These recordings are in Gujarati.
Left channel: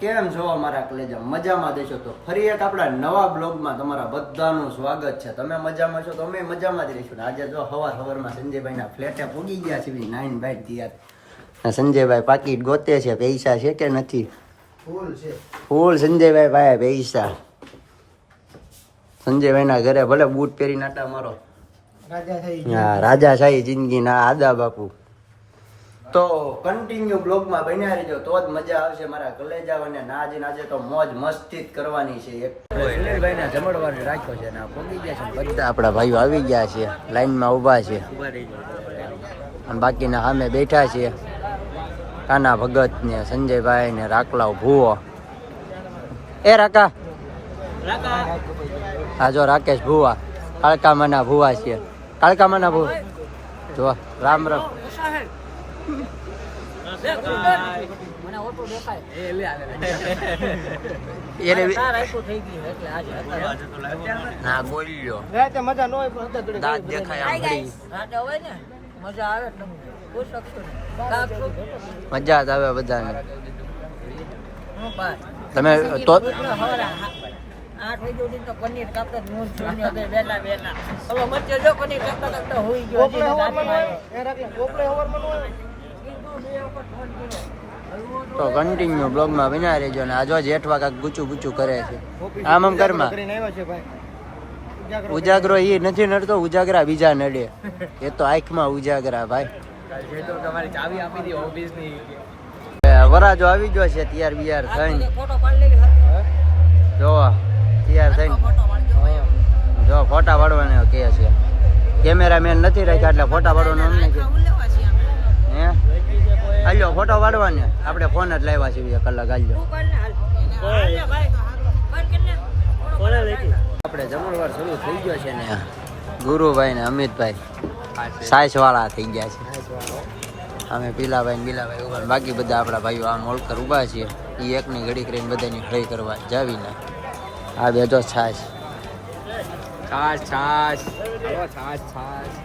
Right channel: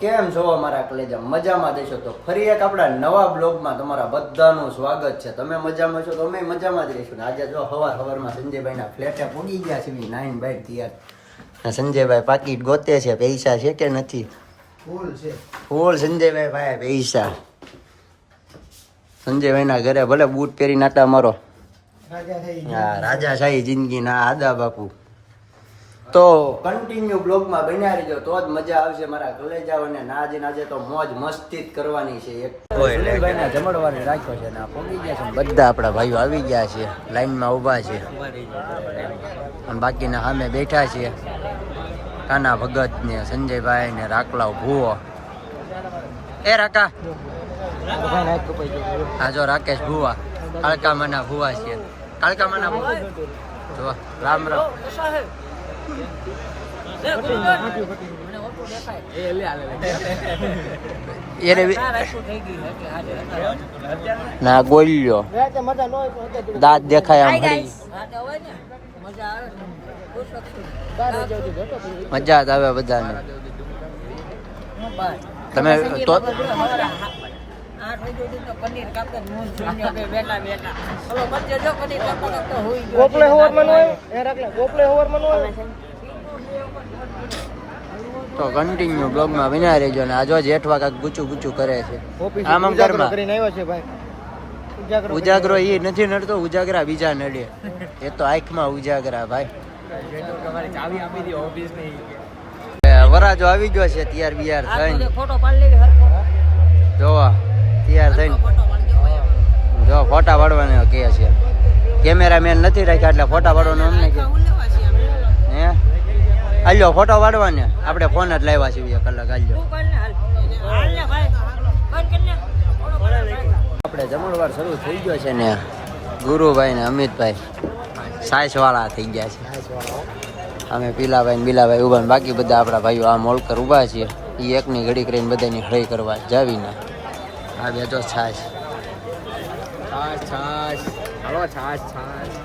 કેમ છો અમારા કલેજા? મજામાં દેશો તો ફરી એક આપણા નવા બ્લોગમાં તમારા બધાનું સ્વાગત છે. તમે મજામાં છો તો અમે મજામાં જ રહીશું. ને આજે જો હવાર હવારમાં સંજયભાઈના ફ્લેટે પૂગી ગયા છે નાઈન બાઈક તૈયાર. સંજયભાઈ પાકીટ ગોતે છે પૈસા છે કે નથી? ફૂલ છે. ફૂલ સંજયભાઈ ભાઈ પૈસા. સંજયભાઈના ઘરે ભલે બૂટ પહેરી નાટા મારો. રાજા શાહી ગયો હા, જિંદગીના આદા બાપુ. તો કન્ટિન્યુ બ્લોગમાં બન્યા રહેજો તો જ મજા આવશે મારા કલેજાઓને ના આજે નાજે તો મોજ મસ્તી જ કરવાની છે. એક સુનિલભાઈને જમડવાની રાખ્યો છે ને પગી ગયા છે. બધા આપણા ભાઈઓ આવી ગયા છે લાઈનમાં ઊભા છે. અને બાકીના સામે બેઠા છે. કાના ભગત ને સંજયભાઈ ને રાખલાવ ભૂવો. એ રાકા. હા જો રાકેશ ભુવા કાળકામાના ભુવા છે. કાળકામાના ભૂવા. જો રામ રામ. ના બોલ્યો મજા ન હોય પણ અત્યારે દાંત દેખાય આમ હળી. મજા જ આવે બધાને. તમે તો આઠ વાગે સુધી તો પનીર કાપતા જ મૂળ બે વેલા વેલા ઓલો મરચો જો પનીર કાપતા કાપતા હોઈ ગયો તો કન્ટિન્યુ બ્લોગમાં વિના રહેજો ને આજો જેઠવા કાંક ગુચું ગુચું કરે છે. આમ આમ ઘરમાં. કરીને આવ્યો છે ભાઈ. ઉજાગરો એ નથી નડતો ઉજાગરા બીજા નડે. એ તો આંખમાં ઉજાગરા ભાઈ. વરાજો આવી ગયો છે તૈયાર બિયાર થઈને. ફોટો પાડી લેવી હરખો. જોવા તૈયાર થઈને. જો ફોટા પાડવાને કે છે. કેમેરામેન નથી રાખ્યા એટલે ફોટા પાડવાનો અમને કે હે? હાલ્યો ફોટો પાડવાને. આપણે ફોન જ લાવ્યા છે બીજા કલાક હાલ્યો. આપણે જમણવાર શરૂ થઈ ગયો છે ને ગુરુભાઈ ને અમિતભાઈ. સાઈસ વાળા થઈ ગયા છે. અમે પીલાભાઈ ને બીલાભાઈ ઊભા ને બાકી બધા આપણા ભાઈઓ આ મોલકર ઊભા છીએ. એ એકની ઘડી કરીને બધાની હળી કરવા જાવીને આ છાશ છાશ છાશ. છાશ છાશ.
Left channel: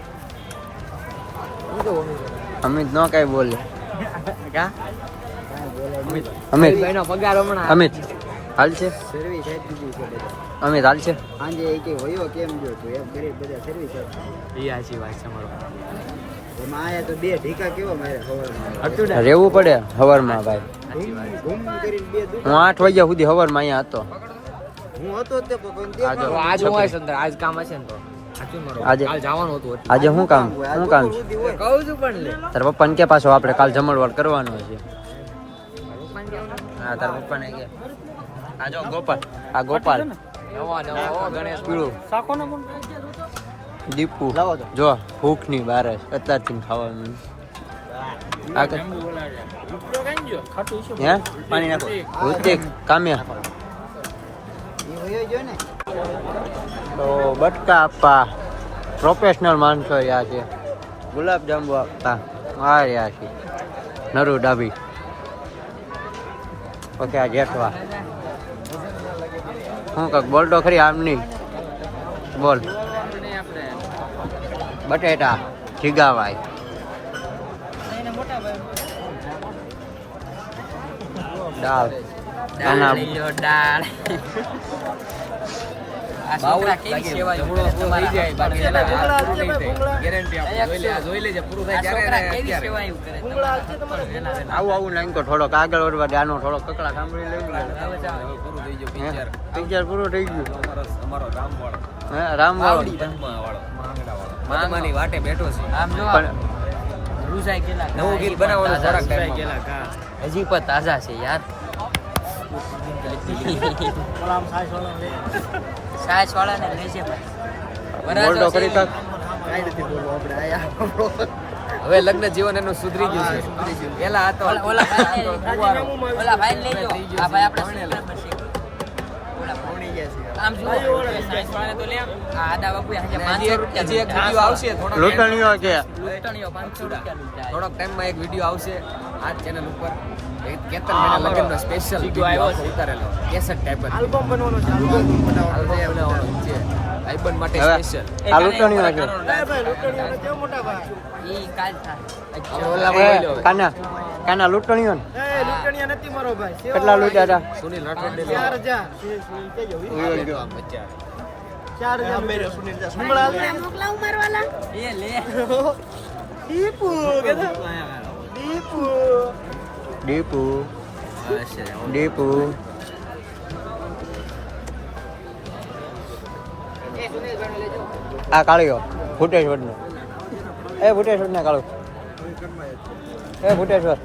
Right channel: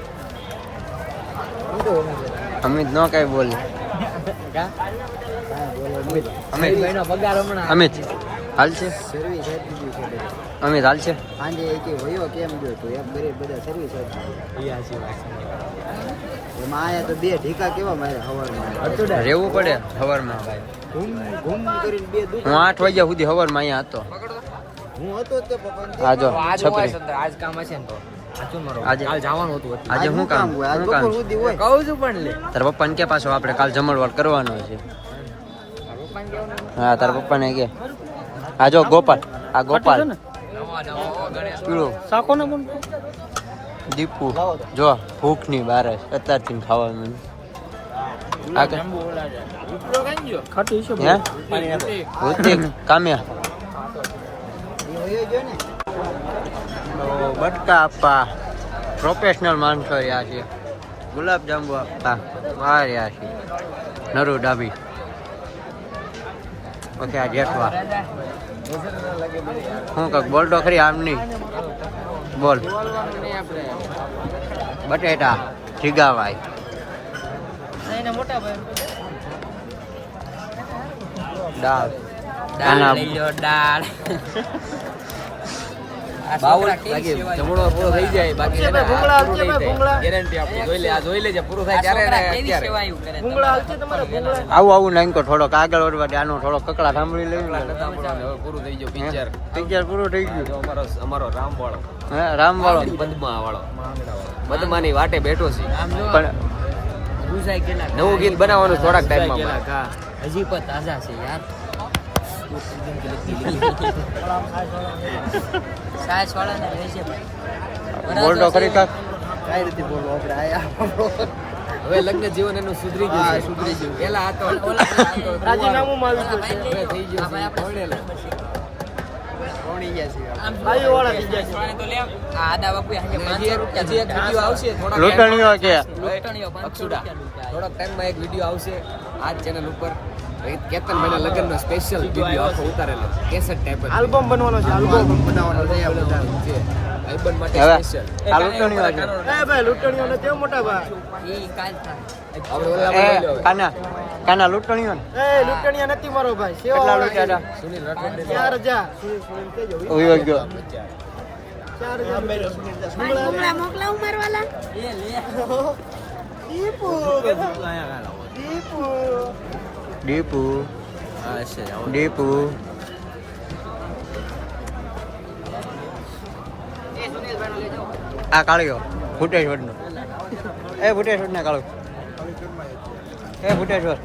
હું તો ઓમી અમિત નો કઈ બોલે. અમિત ભાઈનો પગાર હમણાં અમિત હાલ છે? સર્વિસ આપી દીધી છે બધા. અમિત હાલ છે? સાંજે એક હોયો કેમ ગયો તું? એમ ગરીબ બધા સર્વિસ આયા તો બે ઢીકા કેવા મારે હવારમાં? રહેવું પડે હવારમાં ભાઈ. હું આઠ વાગ્યા સુધી હવારમાં અહીંયા હતો. હું હતો તે આજ કામ હશે ને તો. આજે કાલ જવાનું હતું આજે શું કામ? શું કામ? કહું છું પણ લે. તારા પપ્પાને કે પાછો આપણે કાલ જમણવાર કરવાનો છે. હા તારા પપ્પાને કે. આ જો ગોપાલ આ ગોપાલ. પીળું. દીપુ. જો ભૂખની બાર અત્યારથી ખાવાનું. આ હે? ઋતિક કામ્યા. એ હોયો ગયો ને. તો બટકા આપવા. પ્રોફેશનલ માણસો રહ્યા છે. ગુલાબ જાંબુ આપવા. આ રહ્યા છે. નરુ ડાબી. ઓકે આ જેઠવા. હું કાક બોલ તો ખરી આમ નહીં બોલ. બટેટા જીગાવાય. દાળ. દાળ. આવું આવું નાખો થોડોક આગળ વધવા આનો થોડો કકડા સાંભળી લઈને પૂરું થઈ ગયું હે? પિક્ચર. પૂરું થઈ ગયું? અમારો અમારો રામ વાળો હે વાળો પદ્મા વાટે બેઠો છે. પણ નવું ગીત બનાવવાનું થોડાક ટાઈમમાં. હજી પણ તાજા છે યાર. બોલ તો કાક કાંઈ નથી બોલવું આપણે આયા હવે લગ્ન જીવન એનું સુધરી ગયું છે. સુધરી ગયું. પેલા હતો ઓલા હતો કુંવારો. ઓલા ભાઈ હવે થઈ ગયો ભાઈ આપણે ભણેલો. ભણી ગયા છે આમ સાસ વાળાને તો લે આ આદા બાપુ આજે એક વીડિયો આવશે થોડોક લૂંટણીઓ કે? લૂંટણીઓ પાંચસો રૂપિયા થોડોક ટાઈમમાં એક વીડિયો આવશે. આ ચેનલ ઉપર. કેતન મેના લગ્નનો સ્પેશિયલ વીડિયો આખો ઉતારેલો. કેસેટ ટાઈપ આલ્બમ બનવાનો છે આલ્બમ બનાવવાનો છે આલ્બમ માટે સ્પેશિયલ આ લૂંટણીઓ છે ભાઈ લૂંટણીઓ કેવું મોટા ભાઈ ઈ કાલ થાય. આપણે ઓલા એ કાના કાના લૂંટણીઓ? ને એ લૂંટણીઓ નથી મારો ભાઈ. કેટલા લૂંટ્યા હતા? સુનિલ રાઠોડ ચાર હજાર. સુનિલ સુનિલ કેજો ઓય ગયો. ચાર હજાર હમણાં મારવાલા એ લે. દીપુ દીપુ દીપુ દીપુ આ કાળીઓ ભૂટેશ્વર નો એ ભૂટેશ્વર. ને કાળો. એ ભૂટેશ્વર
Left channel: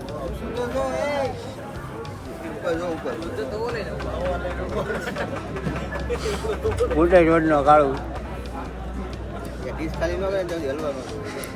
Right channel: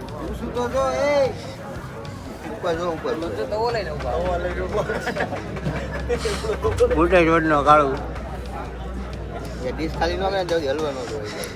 ભૂટેશ્વર નો કાળું આ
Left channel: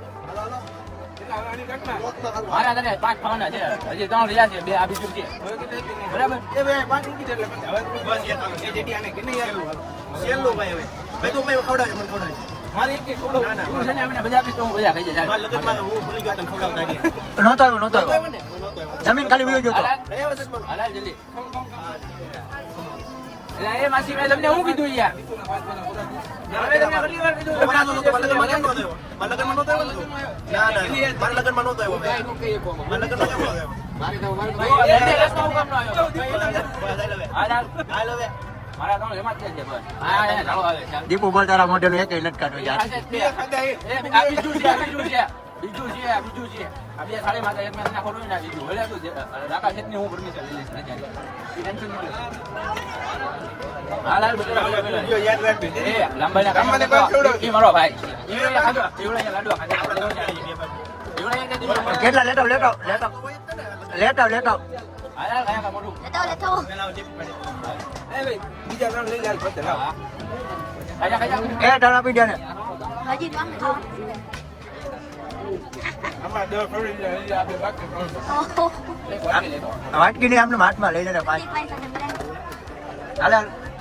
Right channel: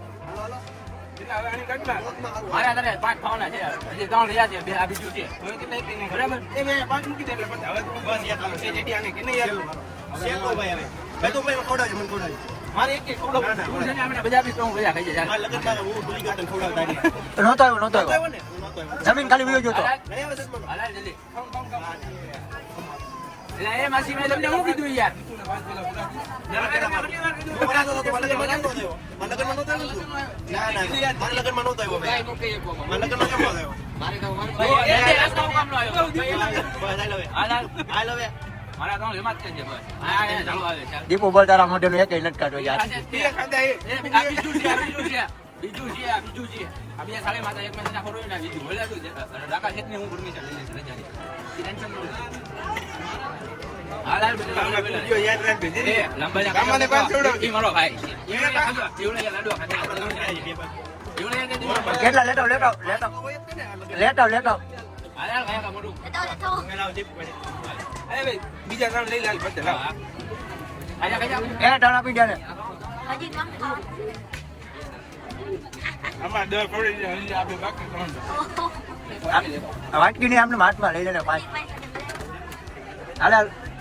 મારે આ. એ ભાઈ પાંચ ખાવાના છે હજી ત્રણ નહોતો આવ્યો નહોતો આવ્યો. જમીન ખાલી વિયો ગયો જલ્દી માસી મેં તમને શું કીધું યાર. દીપુ બોલ તારા મોઢે એક લટકાટો યાર બીજું છે, આ બીજું છે. આ બે સાડી માતા એક મહિના ખોડું ને બીજું. ભલે તું જે- છે હું permission લઈ લઈશ. એ tension ન. હાલ, હાલ, બેટા, પેલા, પેલા. એ, લાંબાના એ મારો ભાઈ. ઈવડે ખાધો, ઈવડે લાડવા ખાધા. ઈવડે એક જ મારો ભાઈ. કેટલા લેતા આવ, લેતા આવ, લેતા આવ. લેતા આવ, લેતા આવ. હાલ, હાલ, ખાયા ખા મોઢું. લેતો લેતો હા. ખાજા, ખાજા. એ આપી દે ને હજી વાટકી ની આપણે હાથમાં લઈ લેને પાંચ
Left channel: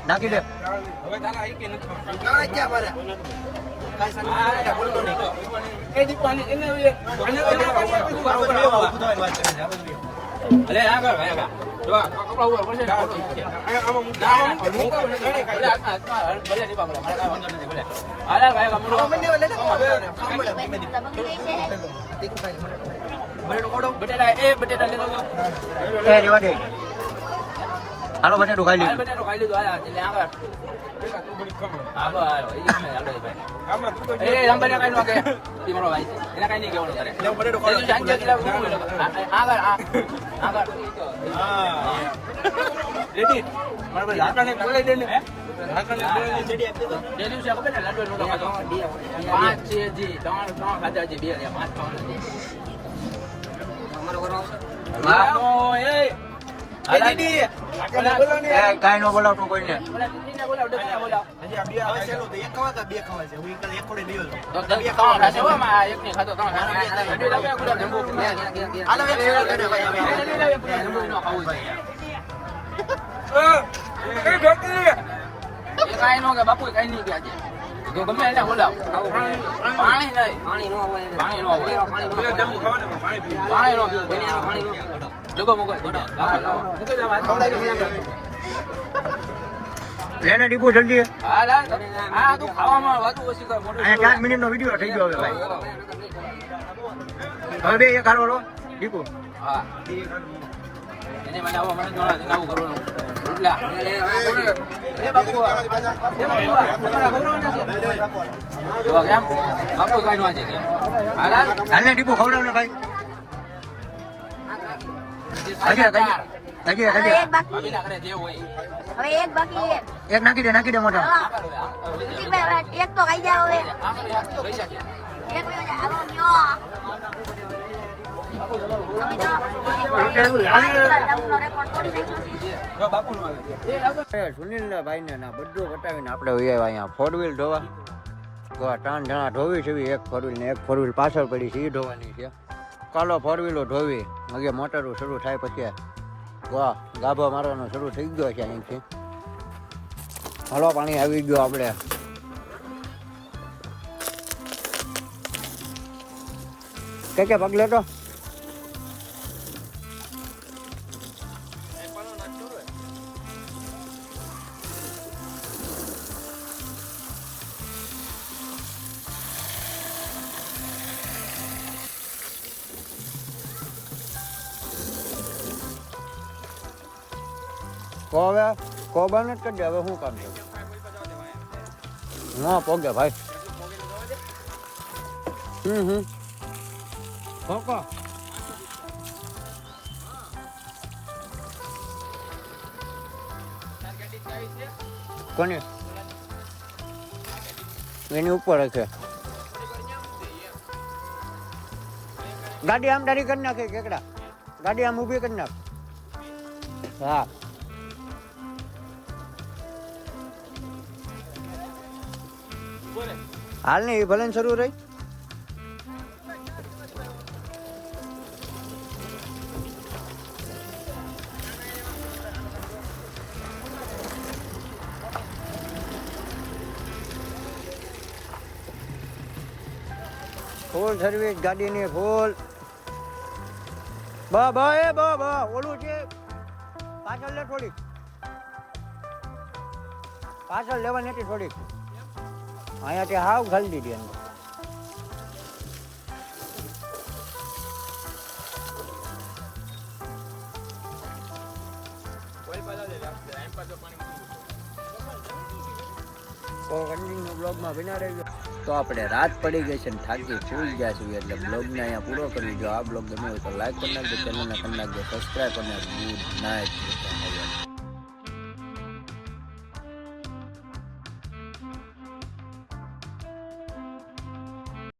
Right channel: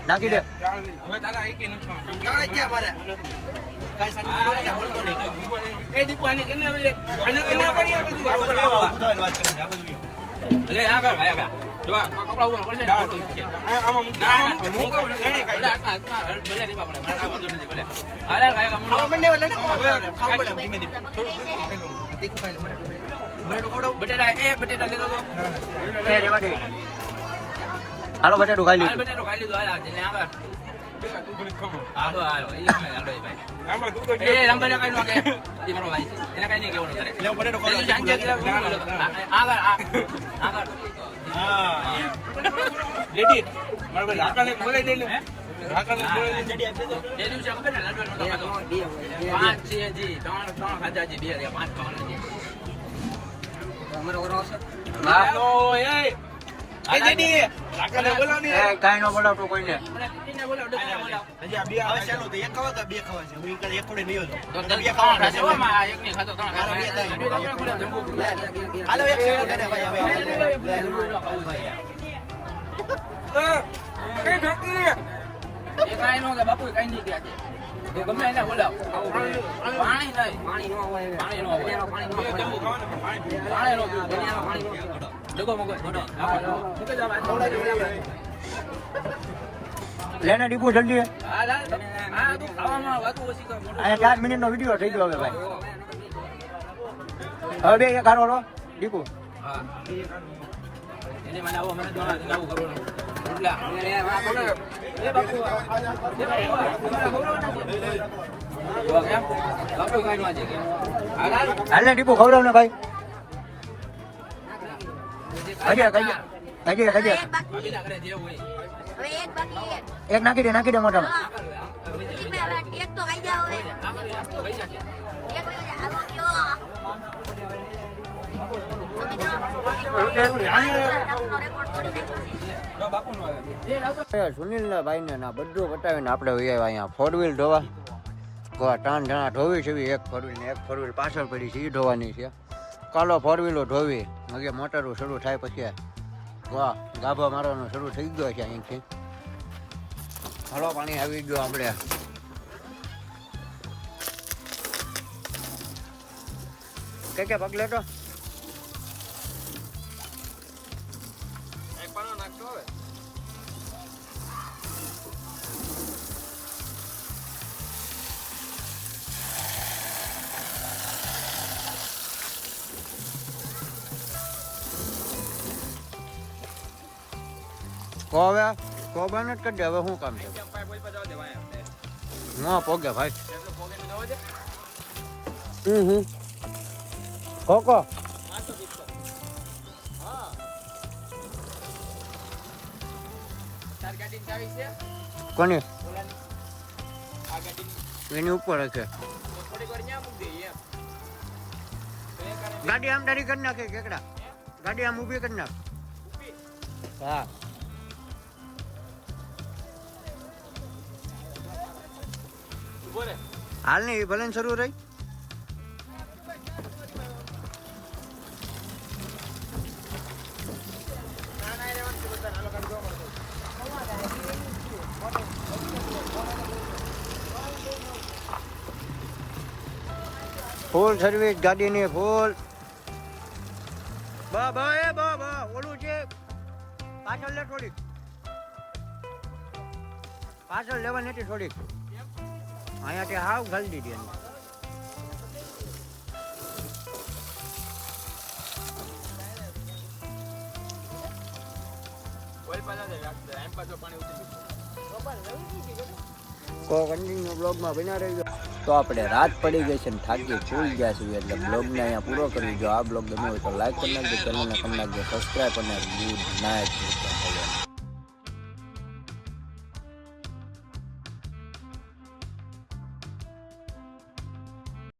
નાખી દે એ દીપુ, આની કેને આવી લે? આને કેને પાડી આપી તું? અલે, આ ભાઈ, આ બટેટા, એ બટેટા રેવા દે હાલો બટેટું ખાઈ લીધું બટેટો ખાઈ લીધું, હાલ, એટલે આગળ કર. હાલો, હાલો, એ જ નહીં, હાલો, એ ભાઈ. એ રામભાઈને કાંઈ ન કહે. એ મારો ભાઈ છે. એને કાંઈ નહીં કહેવાનું તારે. એ સાંજે ગયેલા હું બોલ્યો. આ- આ કર, કાંઈ ન બોલાવતું કોઈને બાપુ કાંઈ નહીં ગમે એને બોલાવો. પાણી નહીં. પાણી ન હોય. પાણી. લેને ડીપો જલ્દી. ચાર મિનિટ નો વીડિયો થઈ ગયો હવે ભાઈ. હવે બે એક હારો ડીપો. હા. એને મને આવો મને જણાવે આવું કરવાનું. એટલે, એ બાપુ, એ બાપુ, તમારા ગૌરવના છે. જો કેમ? બાપુ કઈ નો છે હાલ, હાલ. ખવડાવ ને ભાઈ. એક નાખી દે નાખી દે મોટા એક તો ખાઈ. સુનિલ ના ભાઈ ને ના બધું બતાવીને આપણે આવ્યા અહીંયા ફોર વ્હીલ ધોવા. ત્રણ જણા ધોવી છે એક ફોર વ્હીલ ને એક ફોર વ્હીલ પાછળ પડી છે એ ધોવાની છે. કાલો ફોર ધોવી હગે મોટરું શરૂ થાય પછી વાહ, ગાભા મારવાનો શરૂ થઈ ગયો છે અહીંથી. હલો, પાણી આવી ગયું આપણે. કે પગલો તો હવે કો બને જ કરી દે હવે શું કામ છે હા પોગે ભાઈ. હમ હમ. કોકો કોની એની ઉપર હશે. ગાડી આમ તારી કરી નાખે કેકડા. ગાડી આમ ઊભી કરી નાખ. હા. હાલ ને એ ભલે શરૂ રહી. ફૂલ સર્વિસ ગાડીની, ફૂલ. બા બા, એ બા બા, ઓલું છે. પાછળ લે થોડીક. પાછળ લેવાની નથી થોડીક. અહીંયાથી હાવ ખાલી દીધી અંદર તો કન્ટિન્યુ બ્લોગમાં બના રહેજો. તો આપણે રાત પડી ગઈ છે ને થાકી ફૂલ ગયા છીએ એટલે બ્લોગને અહીંયા પૂરો કરી જો આ બ્લોગ ગમ્યો હોય તો લાઈક કરી નાખજો ચેનલને કરી નાખજો સબસ્ક્રાઈબ અને ગુડ નાઇટ